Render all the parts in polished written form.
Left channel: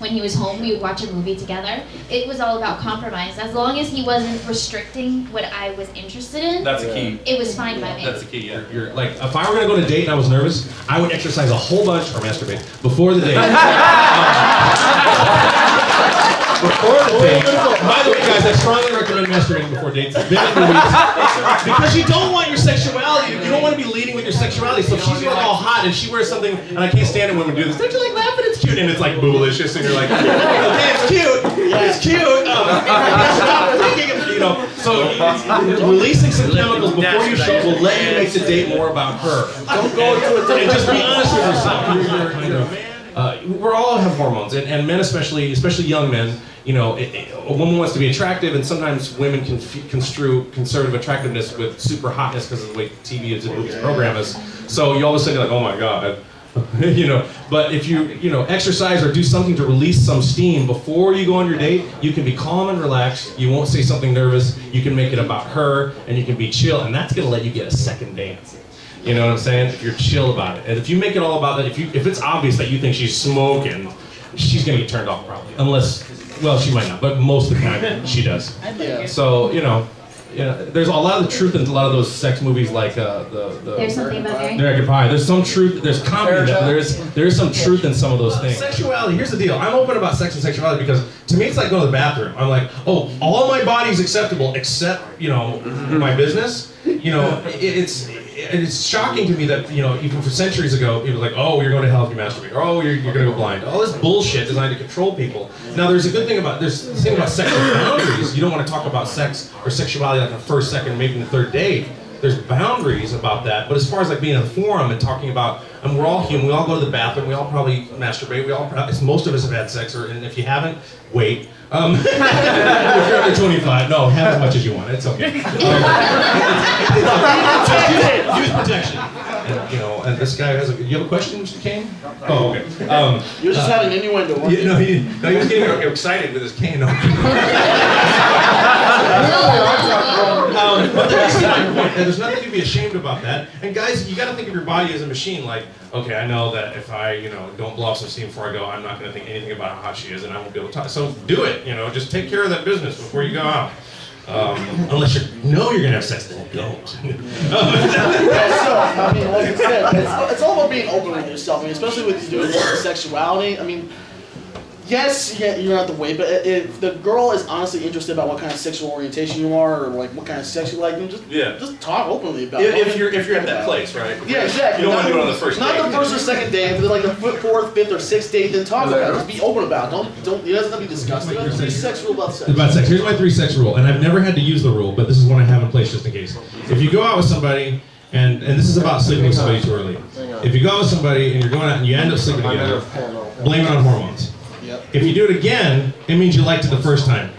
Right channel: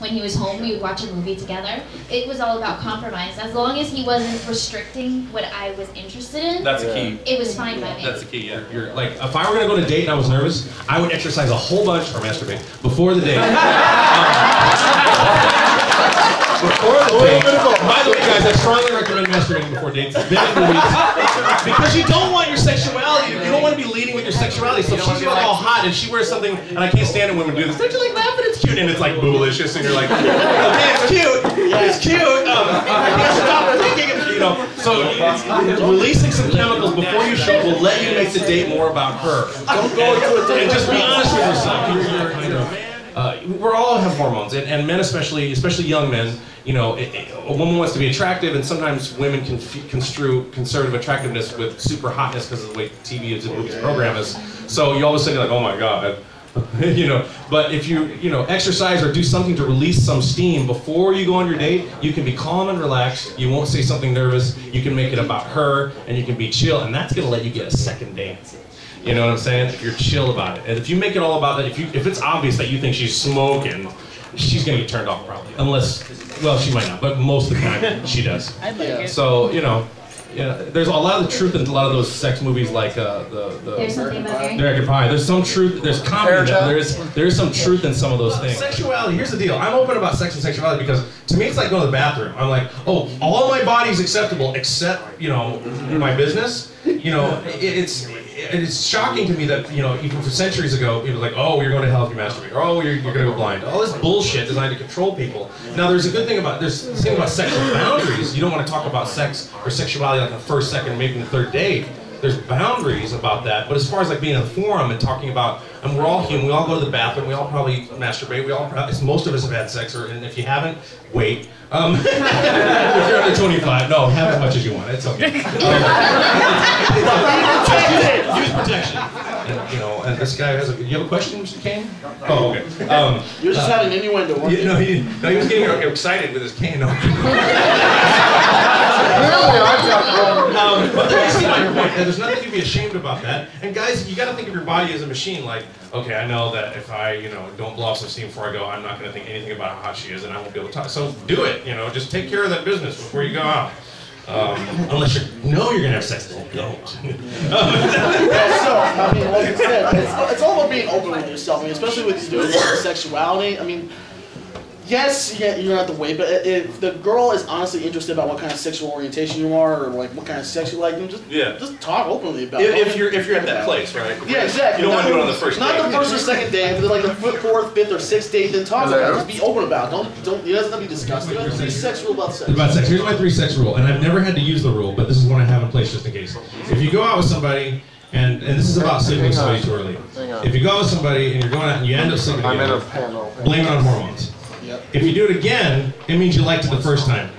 when he was home, we would watch a movie together. It was all about compromise. As long as he wasn't restricting what I was interested in, that's the key. It was fine by me. That's the key, yeah. You're like, if I were gonna go on a date and I was nervous, I would exercise a whole bunch, or masturbate, before the date. Before the date. By the way, guys, I strongly recommend masturbating before dates. Because you don't want your sexuality, you don't want to be leading with your sexuality. So if she's all hot and she wears something, and I can't stand it when women do this, don't you like laugh and it's cute? And it's like boolicious, and you're like, okay, it's cute, it's cute. Stop thinking of, you know. So releasing some chemicals before you show will let you make the date more about her. Don't go into a date. And just be honest with yourself. We all have hormones, and men especially young men. You know, a woman wants to be attractive, and sometimes women can construe conservative attractiveness with super hotness because of the way TV and movies program is. So you always think like, oh my God, you know. But if you exercise or do something to release some steam before you go on your date, you can be calm and relaxed. You won't say something nervous. You can make it about her, and you can be chill, and that's gonna let you get a second date. You know what I'm saying? If you're chill about it, and if you make it all about that, if it's obvious that you think she's smoking, she's gonna get turned off probably, unless. Well, she might not, but most of the time she does. Yeah. So there's a lot of the truth in a lot of those sex movies, like There's something about Mary. American Pie. There's some truth. There's comedy. There is some truth in some of those things. Sexuality. Here's the deal. I'm open about sex and sexuality because to me it's like going to the bathroom. I'm like, oh, all my body's acceptable except my business. It's shocking to me that, even for centuries ago, people were like, oh, you're going to hell if you masturbate, or oh, you're going to go blind. All this bullshit designed to control people. Now, there's a good thing about, there's the thing about sexual boundaries. You don't want to talk about sex or sexuality like the first, second, maybe the third date. There's boundaries about that. But as far as like being in a forum and talking about, and we're all human, we all go to the bathroom, we all probably masturbate, most of us have had sex, and if you haven't, wait. If you're under 25, no, have as much as you want. It's okay. Use protection. And this guy has you have a question, Mr. Kane? Oh, okay. You're just having innuendo. He was getting excited with his cane. But there's nothing to be ashamed about that. And guys, you got to think of your body as a machine. Like, okay, I know that if I, don't blow off some steam before I go, I'm not going to think anything about how hot she is, and I won't be able to talk. So do it. Just take care of that business before you go out. Unless you're going to have sex, then don't. So, like I said, it's all about being open with yourself. Especially with sexuality. Yes, you're gonna have to wait, but if the girl is honestly interested about what kind of sexual orientation you are, or like what kind of sex you like, then just talk openly about it. If you're at that place, right? Yeah, exactly. You don't want to do it on the first date. Not the first or second date. If it's like the fourth, fifth, or sixth date, then talk about it. Just be open about it. Don't. You guys have to be disgusting. Be sex rule about sex. About sex. Here's my 3 sex rule, and I've never had to use the rule, but this is one I have in place just in case. If you go out with somebody. And this is about sleeping with somebody too early. If you go out with somebody and you're going out and you end up sleeping together, blame it on hormones. If you do it again, it means you liked it the first time.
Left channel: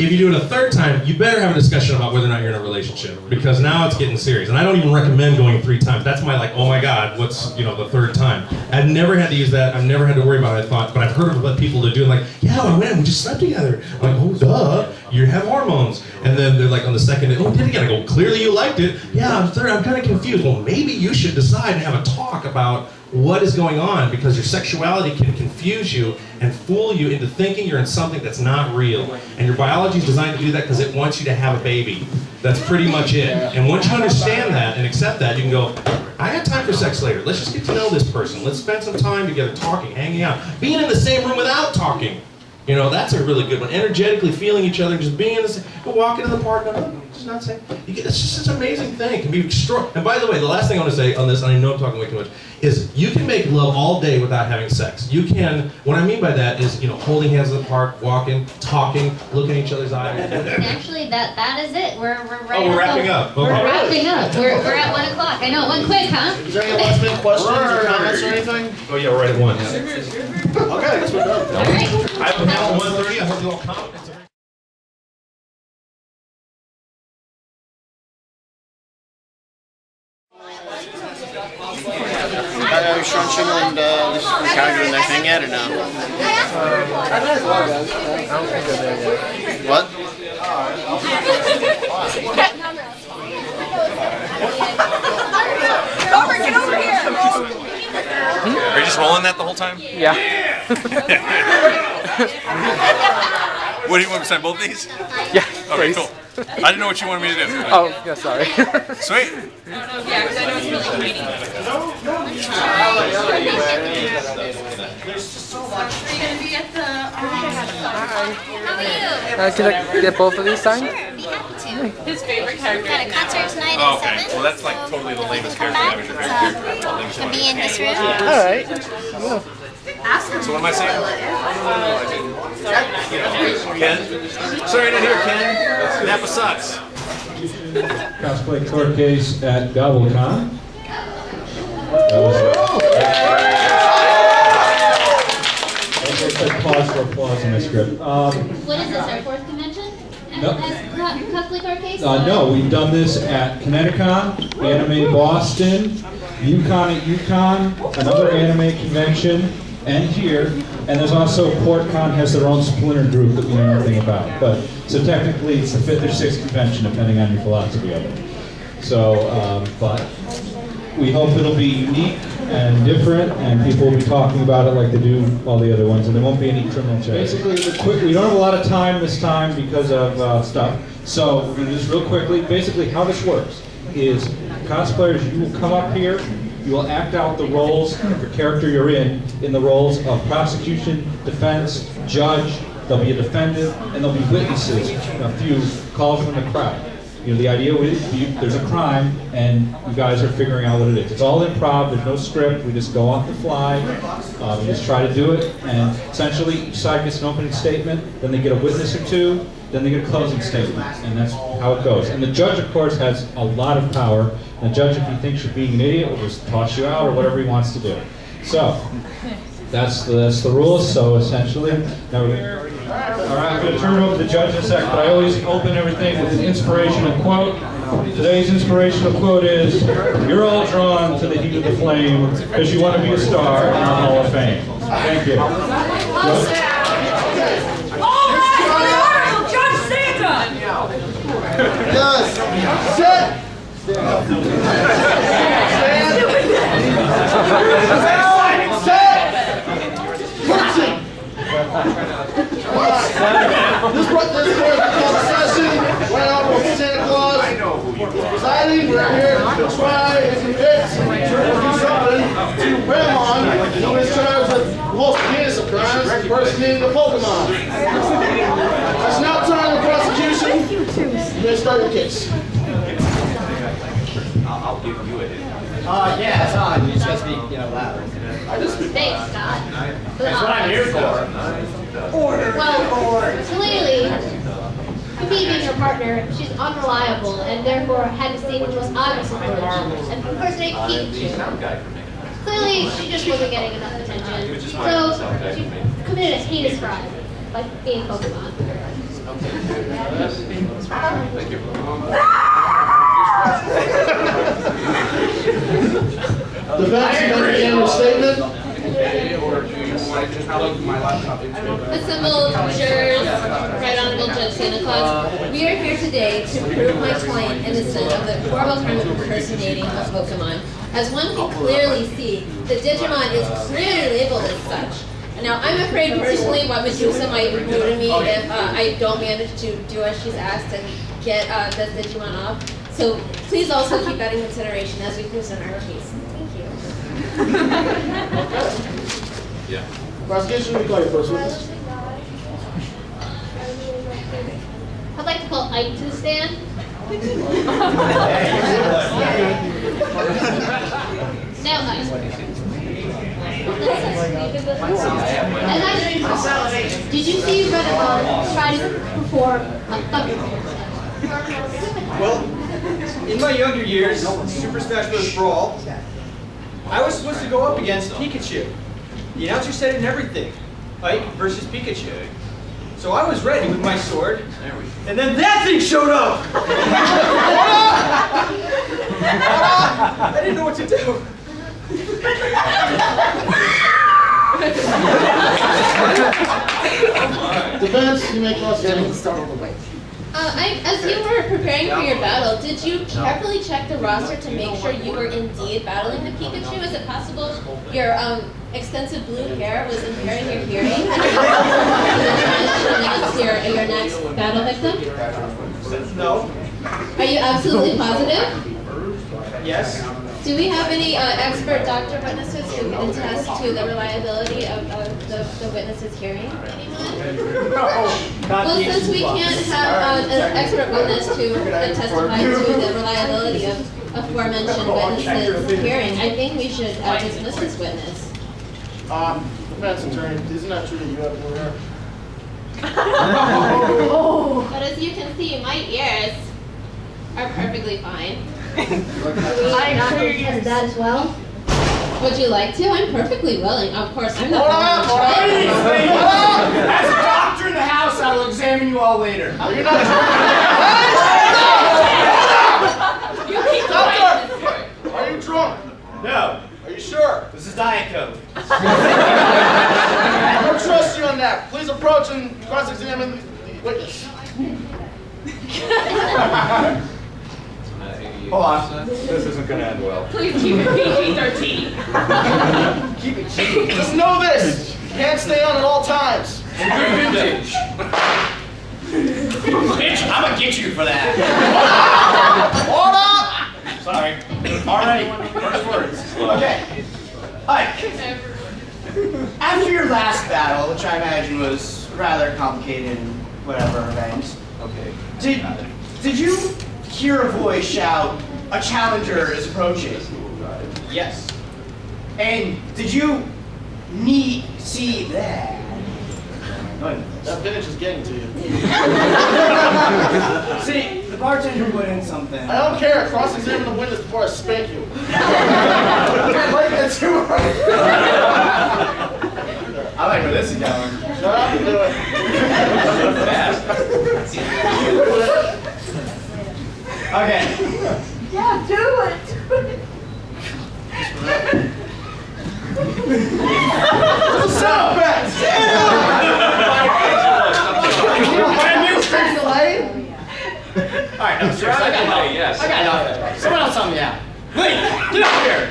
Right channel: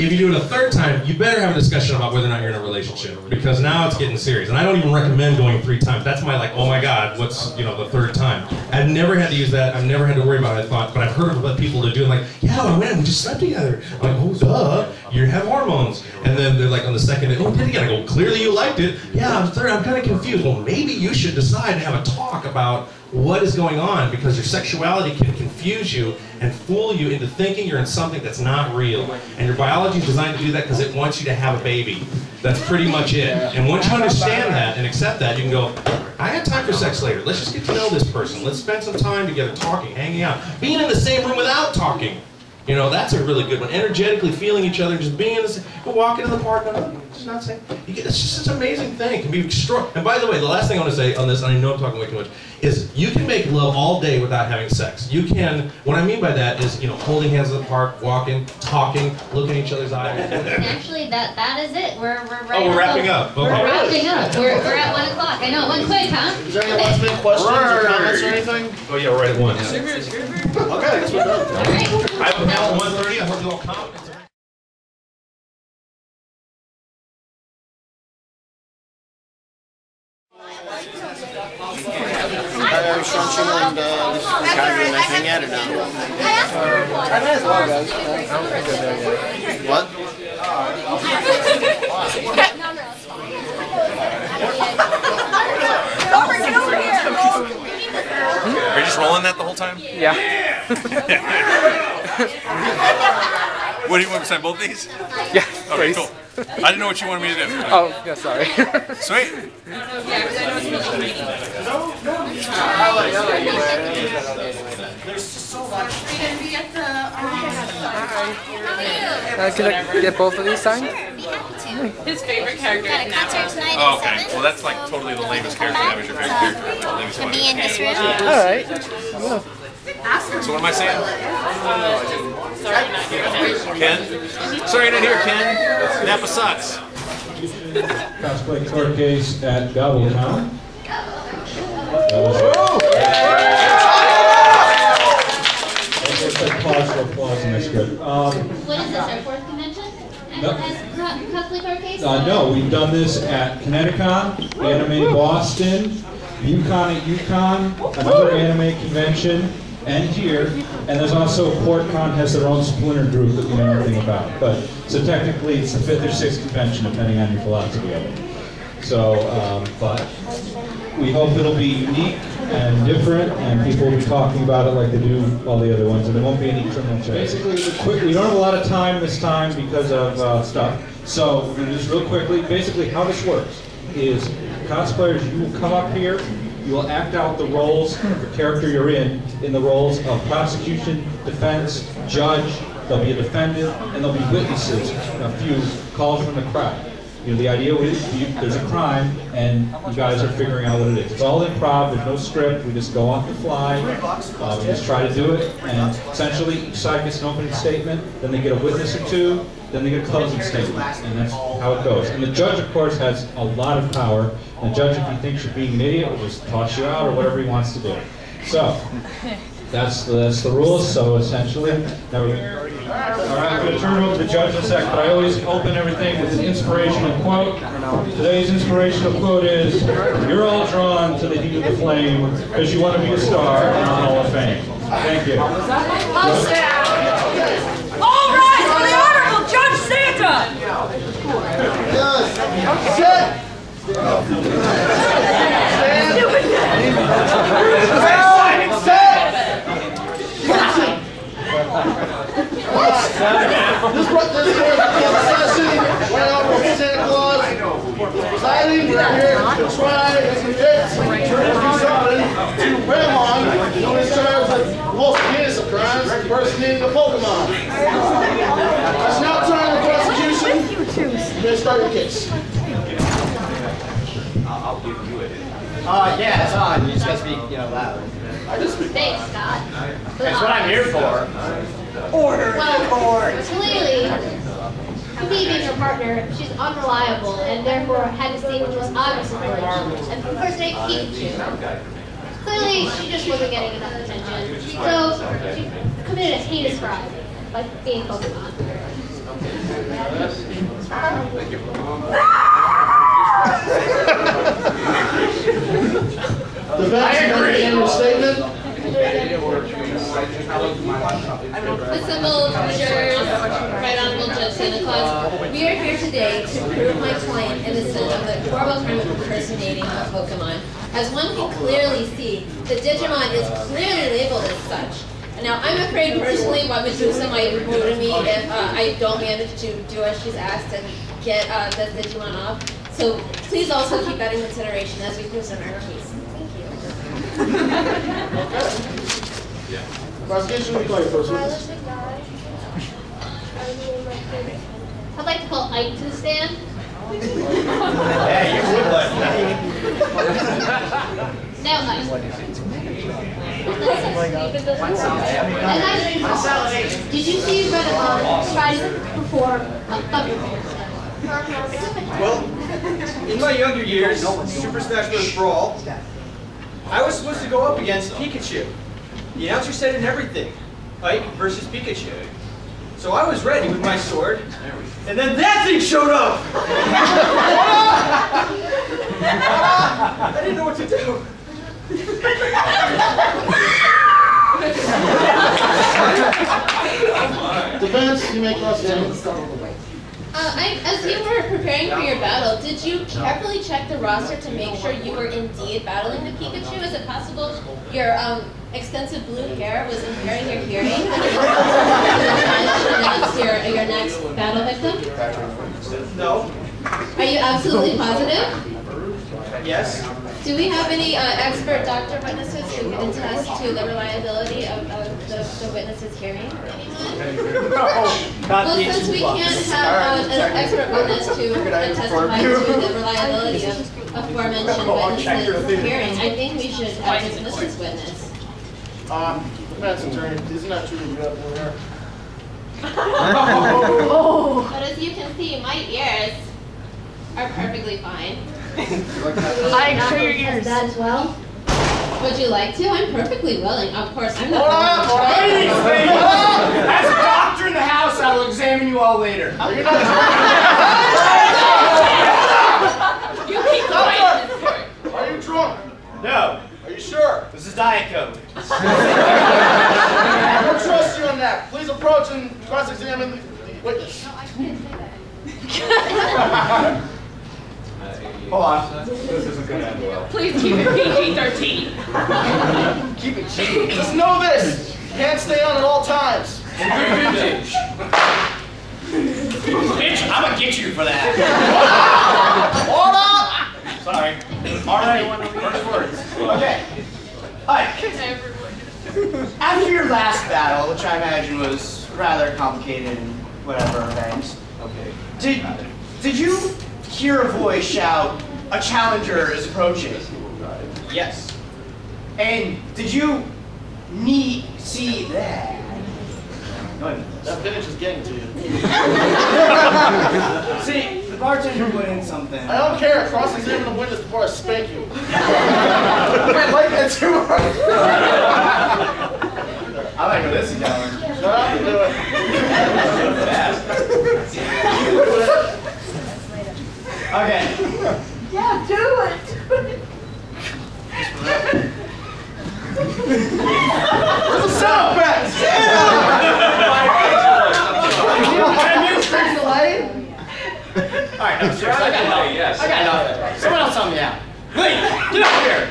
If you do it a third time, you better have a discussion about whether or not you're in a relationship, because now it's getting serious. And I don't even recommend going 3 times. That's my oh my God, what's the 3rd time? I've never had to use that. I've never had to worry about it. But I've heard of people that do it like, yeah, we just slept together. I'm like, oh duh, you have hormones. And then they're like on the second day, oh, did it again? I go, clearly you liked it. Yeah, I'm kind of confused. Well, maybe you should decide and have a talk about what is going on, because your sexuality can confuse you and fool you into thinking you're in something that's not real. And your biology is designed to do that because it wants you to have a baby. That's pretty much it. And once you understand that and accept that, you can go, I got time for sex later. Let's just get to know this person. Let's spend some time together talking, hanging out, being in the same room without talking. That's a really good one. Energetically feeling each other, just being in the same, walking in the park, just not saying. It's just an amazing thing. It can be extraordinary. And by the way, the last thing I want to say on this, and I know I'm talking way too much, is you can make love all day without having sex. You can, what I mean by that is, holding hands in the park, walking, talking, looking at each other's eyes. And actually, that is it. We're wrapping up. We're wrapping up. We're at 1 o'clock. I know, it went quick, huh? Is there any last minute questions or comments or anything? Oh yeah, we're right at 1. Okay, I guess we're done. All right. I have a panel at 1:30. I hope you all come. Sean Schemmel and Calgary and anything yet or no? I might as well, guys. I don't think they're there yet. What? Robert, get over here! Are you just rolling that the whole time? Yeah. What do you want me to sign both of these? Yeah, Okay, please. cool. I didn't know what you wanted me to do. Oh, yeah, sorry. Sweet. Yeah, because I know it's really Canadian. Can I get both of these signed? Be happy to. His favorite character. Got a concert tonight Oh, at okay. 7. Well, that's like totally the latest Come character back. damage. Can be in this room. Alright. So what am I saying? Ken? Sorry, I didn't hear Ken. Napa sucks. Cosplay Court Case at Gobble-Con. Pause for applause in my script. What is this, our 4th convention? No. Cosplay Court Case? No, we've done this at Kineticon, Anime Boston, UConn at UConn, another anime convention, and here. And there's also PortCon has their own splinter group that we know nothing about. But so technically it's the 5th or 6th convention, depending on your philosophy of it. So, but we hope it'll be unique and different, and people will be talking about it like they do all the other ones, and there won't be any criminal charges. Basically, we don't have a lot of time this time because of stuff, so we're going to do this real quickly. Basically, how this works is cosplayers, you will come up here, you will act out the roles of the character you're in the roles of prosecution, defense, judge. There'll be a defendant, and there'll be witnesses, a few calls from the crowd. You know, the idea is there's a crime, and you guys are figuring out what it is. It's all improv, there's no script, we just go off the fly, we just try to do it, and essentially each side gets an opening statement, then they get a witness or two, then they get a closing statement, and that's how it goes. And the judge, of course, has a lot of power. The judge, if he thinks you're being an idiot, will just toss you out or whatever he wants to do. So, that's the rules, so essentially, now all right, I'm going to turn it over to the judge in a second, but I always open everything with an inspirational quote. Today's inspirational quote is, "You're all drawn to the heat of the flame because you want to be a star in the Hall of Fame." Thank you. All right, for the Honorable Judge Santa! Yes. Sit. This court is called session. Right off of Santa Claus presiding. We're here to try and convict somebody to Ramon, who is charged with the most heinous of crimes, impersonating a Pokemon. That's now turn to the prosecution. You may start your case. I'll give you it. Yeah, it's on. You just gotta speak, loud. Thanks, Scott. That's what I'm here for. Well, clearly, me being her partner, she's unreliable and therefore had to say the most obvious information and impersonate Pikachu. Clearly, she just wasn't getting enough attention, so she committed a heinous crime, like being Pokemon. Thank you. Defense, you got any other statement? Assembled jurors, Right Honorable Judge Santa Claus, we are here today to prove my client innocent of the horrible crime of impersonating a Pokemon. As one can clearly see, the Digimon is clearly labeled as such. Now, I'm afraid personally what Medusa might do to me if I don't manage to do as she's asked and get the Digimon off. So please also keep that in consideration as we present our case. Thank you. Yeah. Prosecution, we call your first witness. I'd like to call Ike to the stand. Now, Ike. Did you see Renamon try to perform a thunder? Well, in my younger years, Super Smash Bros. Brawl, I was supposed to go up against Pikachu. The announcer said it and everything. Ike versus Pikachu. So I was ready with my sword, and then that thing showed up! I didn't know what to do. Defense, you may cross-examine. As you were preparing for your battle, did you carefully check the roster to make sure you were indeed battling the Pikachu? Is it possible your extensive blue hair was impairing your hearing? absolutely positive? Yes. Do we have any expert doctor witnesses who can attest to the reliability of the witnesses hearing? Anyone? Well, since we can't have an expert witness to testify to the reliability of aforementioned witnesses hearing, I think we should dismiss this witness. Defense attorney, isn't that true that you have blue hair? But as you can see, my ears are perfectly fine. I agree with that as well. Would you like to? I'm perfectly willing. Of course, I'm not. As a doctor in the house, I will examine you all later. Are you not You keep quiet. Are you drunk? No. Are you sure? This is Diet Coke. I don't trust you on that. Please approach and cross-examine the witness. Hold on. This isn't going to end well. Please keep it PG-13. Keep it cheap. Just know this. You can't stay on at all times. Good vintage. Bitch, I'm going to get you for that. Hold up! Sorry. Alright, first words. Okay. Hi. After your last battle, which I imagine was rather complicated and whatever events, did you hear a voice shout, "A challenger is approaching"? Yes. And did you see that? That vintage is getting to you. See, the bartender put in something. I don't care. Cross-examine the witness before I spank you. I like that too much. I like where this is going. Shut up and do it. Okay. Yeah, do it. It's a sound effect! Alright, no, seriously, I got nothing. Yes. I got nothing. Someone else help me out. Lee, get up here.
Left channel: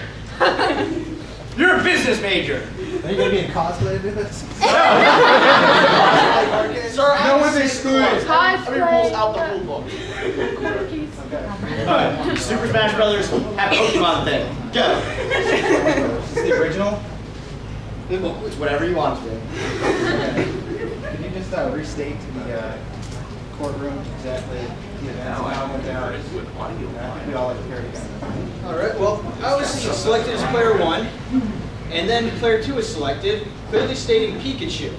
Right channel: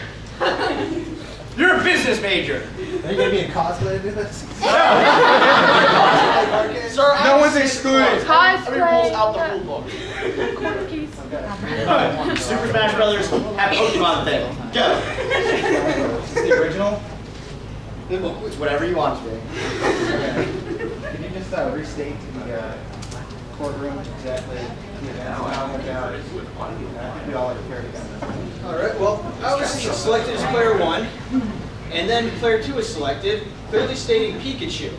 You're a business major. Are you going to be in cosplay to do this? Sir, No one's excluded. Every rule's out the rule book. Alright, Super Smash Brothers have Pokemon thing. Go. Is this the original? It's whatever you want to be. Can you just restate to the courtroom exactly the events and how it went down? I think we all like here together. Alright, well, I was selected as player 1, and then player 2 was selected, clearly stating Pikachu.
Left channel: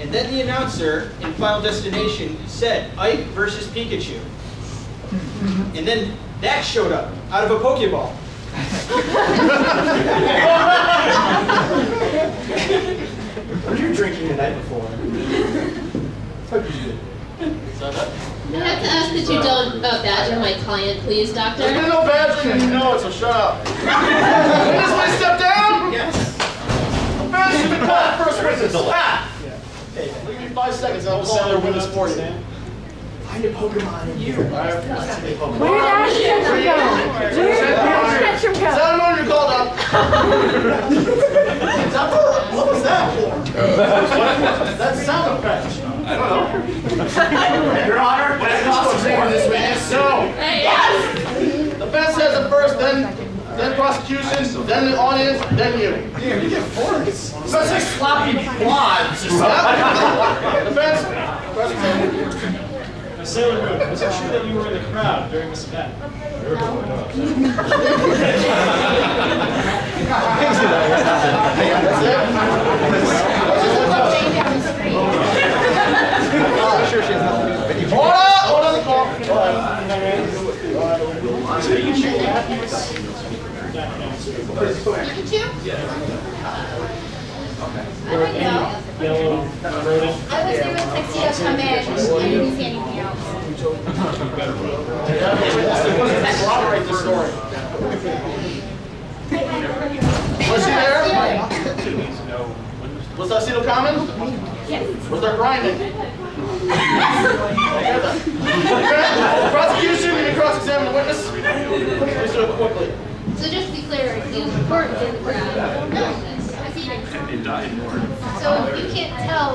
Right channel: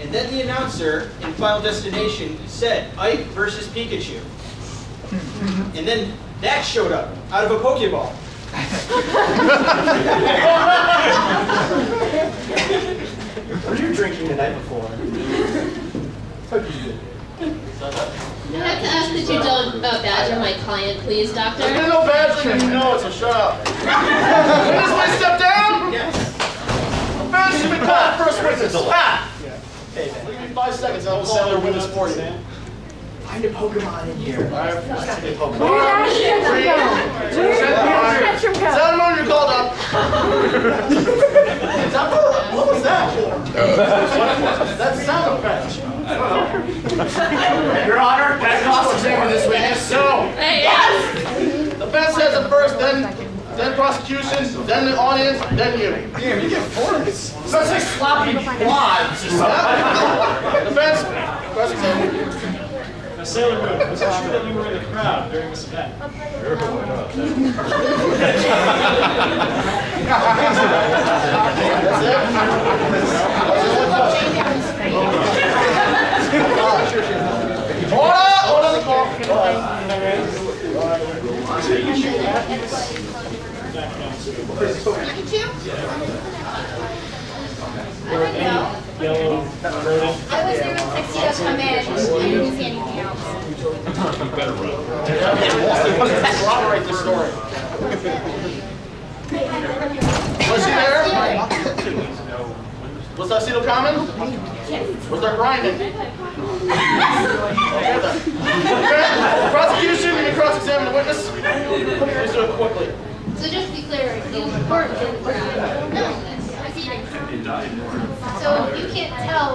And then the announcer in Final Destination said Ike versus Pikachu. And then that showed up out of a Pokeball. Were you drinking the night before? I have to ask that you don't badger my client, please, doctor. There's no badgering and you know it, so shut up. Witness may step down? Yes. Offense has been called first witness. Ah! Give me 5 seconds and I will call their witness for you. Find a Pokemon in here. I have to find a Pokemon. Where did Ashton go? Where did Ashton go? 7 you're called up. What was that for? That's sound effect. I don't know. Your Honor, can I cross-examine this witness? No. Hey, yes! The defense says it first, then prosecution, then the audience, then you. Damn, you get forks. So it's like sloppy quads or something. Defense, cross-examine. Now, Sailor Moon, was it true that you were in the crowd during this event? Hold on the call. Pikachu? I don't know. I was there when Tuxedo come in. I didn't see anything else. Corroborate the story. Was she there? Was Tuxedo coming? Yes. Was there grinding? Prosecution, you can cross-examine the witness. Please do it quickly. So just to be clear, you weren't in the crowd. No. So you can't tell